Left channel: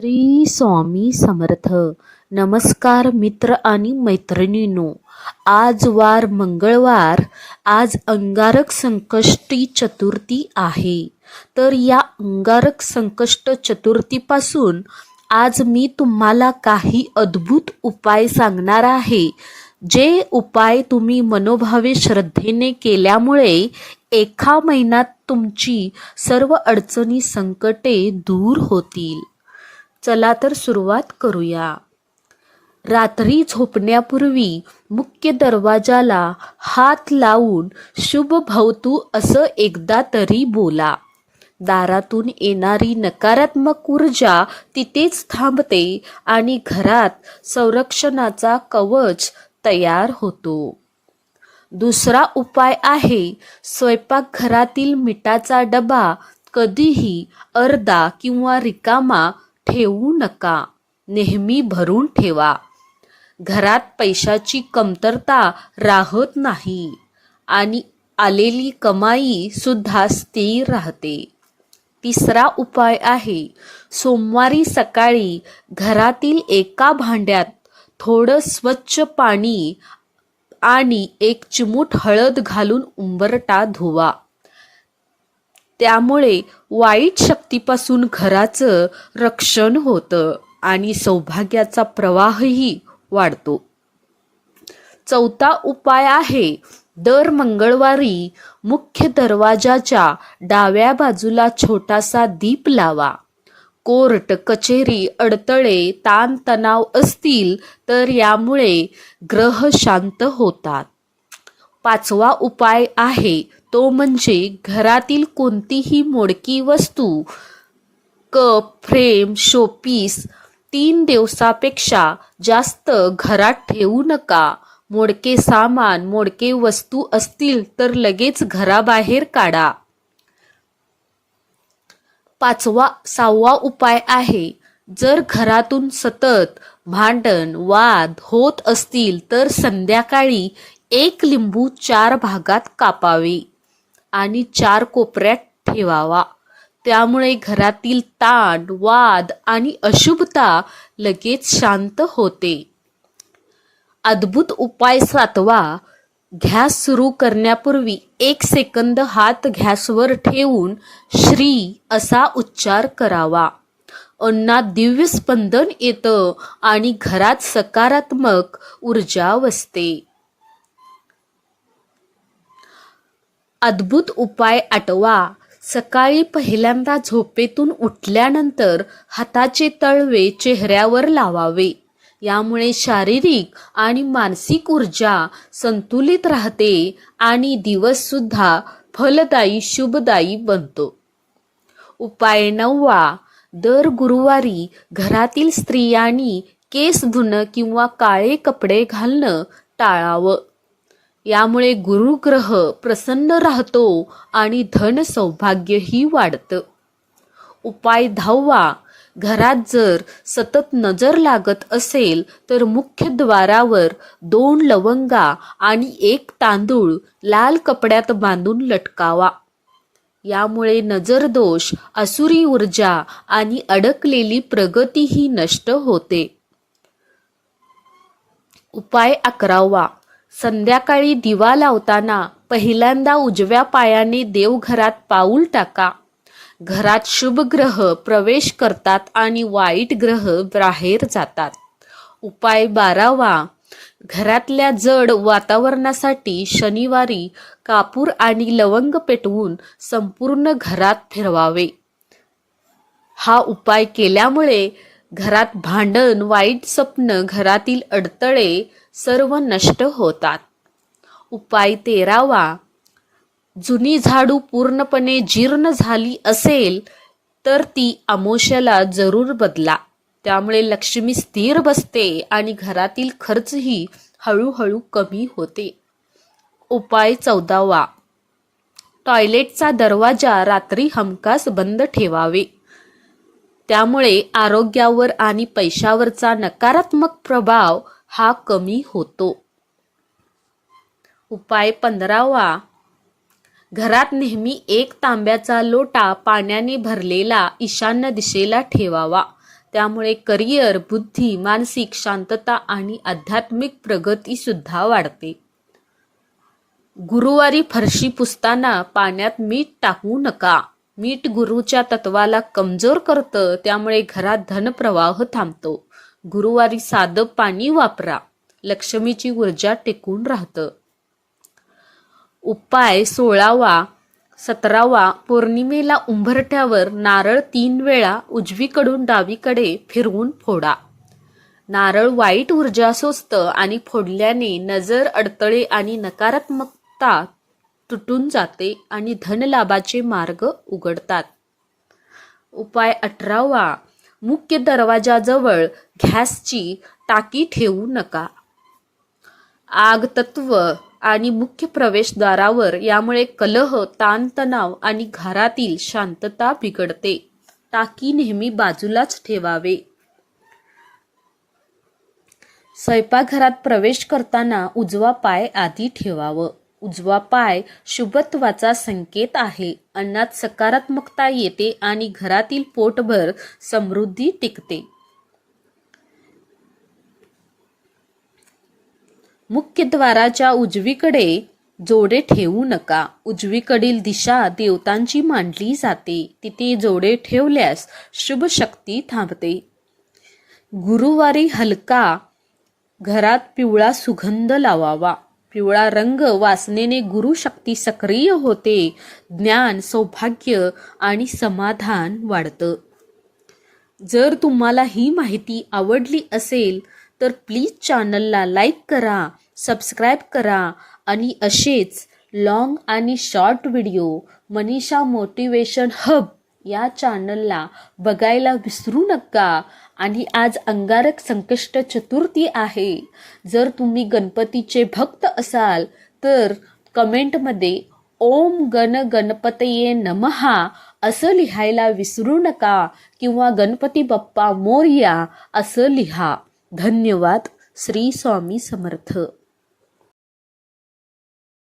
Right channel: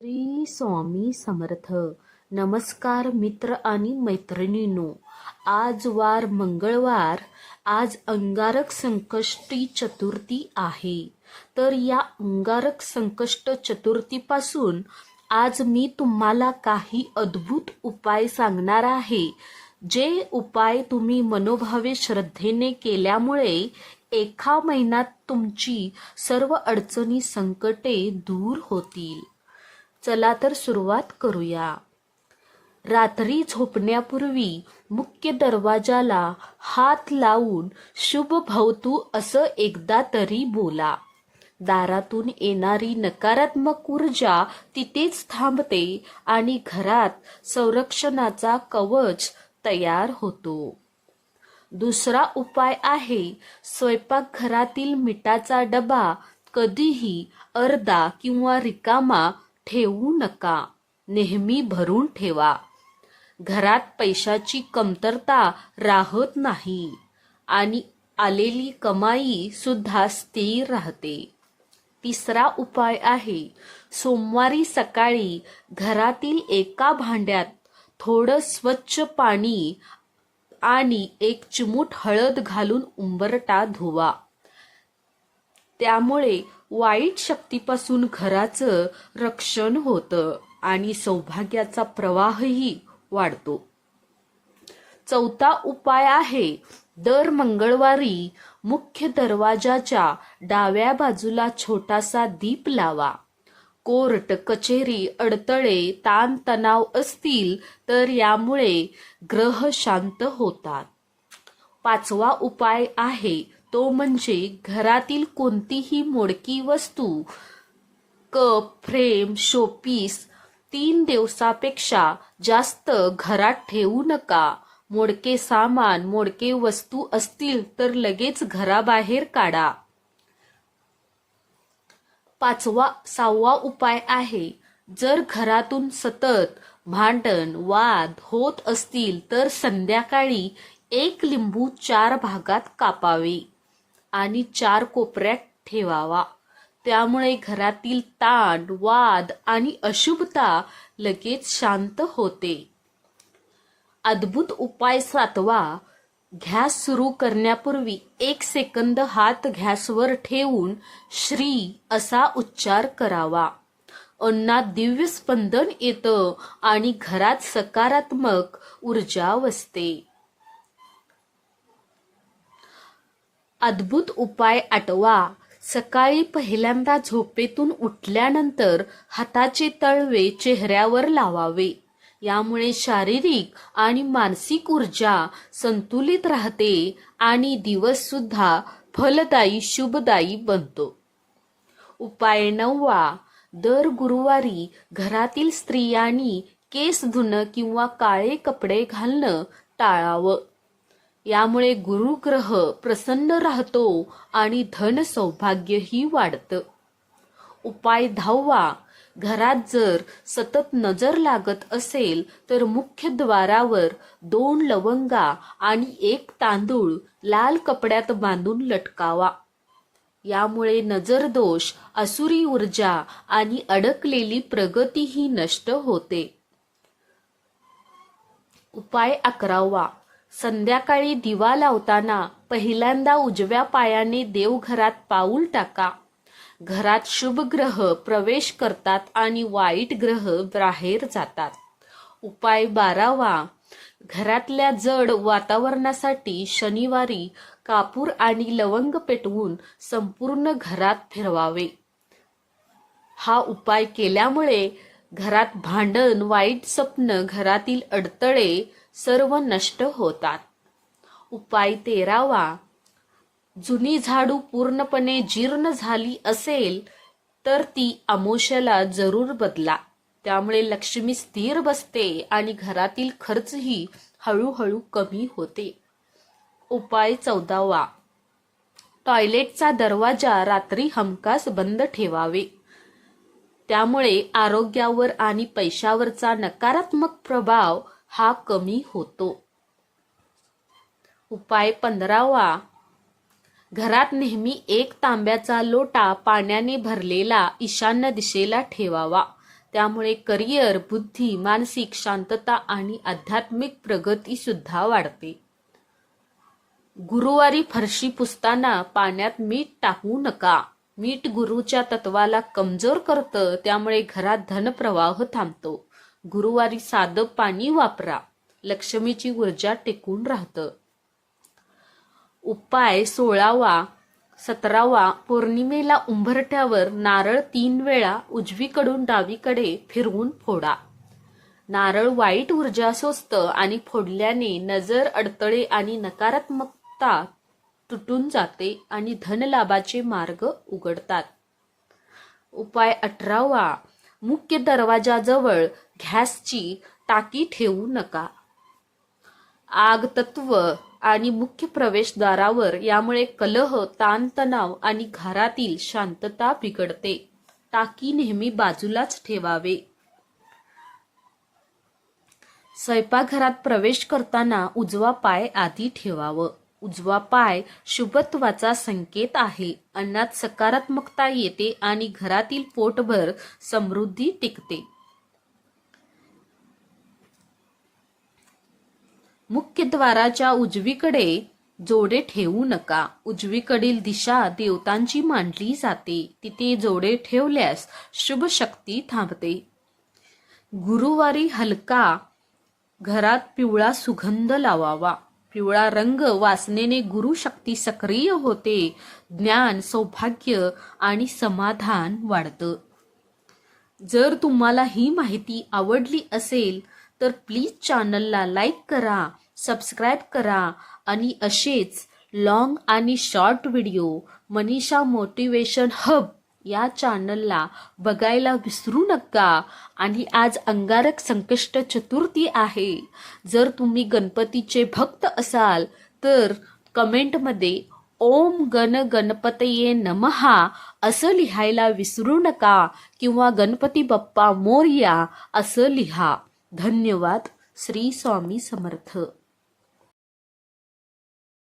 श्री स्वामी समर्थ. नमस्कार मित्र आणि मैत्रिणींनो. आज वार मंगळवार. आज अंगारक संकष्टी चतुर्थी आहे. तर या अंगारक संकष्ट चतुर्थीपासून आज मी तुम्हाला काही अद्भुत उपाय सांगणार आहे. जे उपाय तुम्ही मनोभावे श्रद्धेने केल्यामुळे एका महिन्यात तुमची सर्व अडचणी संकटे दूर होतील. चला तर सुरुवात करूया. रात्री झोपण्यापूर्वी मुख्य दरवाजाला हात लावून शुभ भवतू असं एकदा तरी बोला. दारातून येणारी नकारात्मक ऊर्जा तिथेच थांबते आणि घरात संरक्षणाचा कवच तयार होतो. दुसरा उपाय आहे स्वयंपाकघरातील मिठाचा डबा कधीही अर्धा किंवा रिकामा ठेवू नका. नेहमी भरून ठेवा. घरात पैशाची कमतरता राहत नाही आणि आलेली कमाई सुद्धा स्थिर राहते. तिसरा उपाय आहे सोमवारी सकाळी घरातील एका भांड्यात थोडं स्वच्छ पाणी आणि एक चिमूट हळद घालून उंबरटा धुवा. त्यामुळे वाईट शक्तीपासून घराचं रक्षण होतं आणि सौभाग्याचा प्रवाहही वाढतो. चौथा उपाय आहे दर मंगळवारी मुख्य दरवाजाच्या डाव्या बाजूला छोटासा दीप लावा. कोर्ट कचेरी अडतळे ताणतणाव असतील तर यामुळे ग्रह शांत होतात. पाचवा उपाय आहे तो म्हणजे घरातील कोणतीही मोडकी वस्तू कप फ्रेम शोपीस तीन दिवसापेक्षा जास्त घरात ठेवू नका. मोडके सामान मोडके वस्तू असतील तर लगेच घराबाहेर काढा. पाचवा सहावा उपाय आहे जर घरातून सतत भांडण वाद होत असतील तर संध्याकाळी एक लिंबू चार भागात कापावे. आणि चार कोपऱ्यात ठेवावा. त्यामुळे घरातील ताण वाद आणि अशुभता लगेच शांत होते. अद्भुत उपाय सातवा घॅस सुरू करण्यापूर्वी एक सेकंद हात घॅसवर ठेवून श्री असा उच्चार करावा. अन्नात दिव्य स्पंदन येतं आणि घरात सकारात्मक ऊर्जा वसते. अद्भुत उपाय आठवा सकाळी पहिल्यांदा झोपेतून उठल्यानंतर हाताचे तळवे चेहऱ्यावर लावावे. यामुळे शारीरिक आणि मानसिक ऊर्जा संतुलित राहते आणि दिवससुद्धा फलदायी शुभदायी बनतो. उपाय नववा. दर गुरुवारी घरातील स्त्रियांनी केस धुणं किंवा काळे कपडे घालणं टाळावं. यामुळे गुरुग्रह प्रसन्न राहतो आणि धन सौभाग्यही वाढतं. उपाय दहावा घरात जर सतत नजर लागत असेल तर मुख्य द्वारावर दोन लवंगा आणि एक तांदूळ लाल कपड्यात बांधून लटकावा. यामुळे नजर दोष असुरी ऊर्जा आणि अडकलेली प्रगतीही नष्ट होते. उपाय अकरावा. संध्याकाळी दिवा लावताना पहिल्यांदा उजव्या पायाने देवघरात पाऊल टाका. घरात शुभ ग्रह प्रवेश करतात आणि वाईट ग्रह बाहेर जातात. उपाय बारावा. घरातल्या जड वातावरणासाठी शनिवारी कापूर आणि लवंग पेटवून संपूर्ण घरात फिरवावे. हा उपाय केल्यामुळे घरात भांडण वाईट स्वप्न घरातील अडतळे सर्व नष्ट होतात. उपाय तेरावा. जुनी झाडू पूर्णपणे जीर्ण झाली असेल तर ती अमोशाला जरूर बदला. त्यामुळे लक्ष्मी स्थिर बसते आणि घरातील खर्चही हळूहळू कमी होते. उपाय चौदावा. टॉयलेटचा दरवाजा रात्री हमखास बंद ठेवावे. त्यामुळे आरोग्यावर आणि पैशावरचा नकारात्मक प्रभाव हा कमी होतो. उपाय पंधरावा. घरात नेहमी एक तांब्याचा लोटा पाण्याने भरलेला ईशान्य दिशेला ठेवावा. त्यामुळे करिअर बुद्धी मानसिक शांतता आणि आध्यात्मिक प्रगती सुद्धा वाढते. गुरुवारी फरशी पुसताना पाण्यात मीठ टाकू नका. मीठ गुरुच्या तत्वाला कमजोर करतं त्यामुळे घरात धनप्रवाह थांबतो. गुरुवारी साधं पाणी वापरा. लक्ष्मीची ऊर्जा टिकून राहतं. उपाय सोळावा. सतरावा पौर्णिमेला उंबरठ्यावर नारळ तीन वेळा उजवीकडून डावीकडे फिरवून फोडा. नारळ वाईट ऊर्जा सोसतं आणि फोडल्याने नजर अडतळे आणि नकारात्मकता तुटून जाते आणि धनलाभाचे मार्ग उघडतात. उपाय अठरावा. मुख्य दरवाजाजवळ गॅसची टाकी ठेवू नका. आग तत्व आणि मुख्य प्रवेशद्वारावर यामुळे कलह ताणतणाव आणि घरातील शांतता बिघडते. टाकी नेहमी बाजूलाच ठेवावे. स्वयंपाकघरात प्रवेश करताना उजवा पाय आधी ठेवावं. उजवा पाय शुभत्वाचा संकेत आहे. अन्नात सकारात्मकता येते आणि घरातील पोटभर समृद्धी टिकते. मुख्य द्वाराच्या उजवीकडे जोडे ठेवू नका. उजवीकडील दिशा देवतांची मांडली जाते. तिथे जोडे ठेवल्यास शुभ शक्ती थांबते. गुरुवारी हलका घरात पिवळा सुगंध लावावा. पिवळा रंग वासनेने गुरुशक्ती सक्रिय होते. ज्ञान सौभाग्य आणि समाधान वाढतं. जर तुम्हाला ही माहिती आवडली असेल तर प्लीज चॅनलला लाईक करा सबस्क्राईब करा आणि असेच लॉंग आणि short video Manisha motivation hub या चॅनलला बघायला विसरू नका. आणि आज अंगारक संकष्ट चतुर्थी आहे. जर तुम्ही गणपतीचे भक्त असाल तर कमेंटमध्ये ओम गण गणपतये नमहा असं लिहायला विसरू नका किंवा गणपती बाप्पा मोरया असं लिहा. धन्यवाद. श्री स्वामी समर्थ.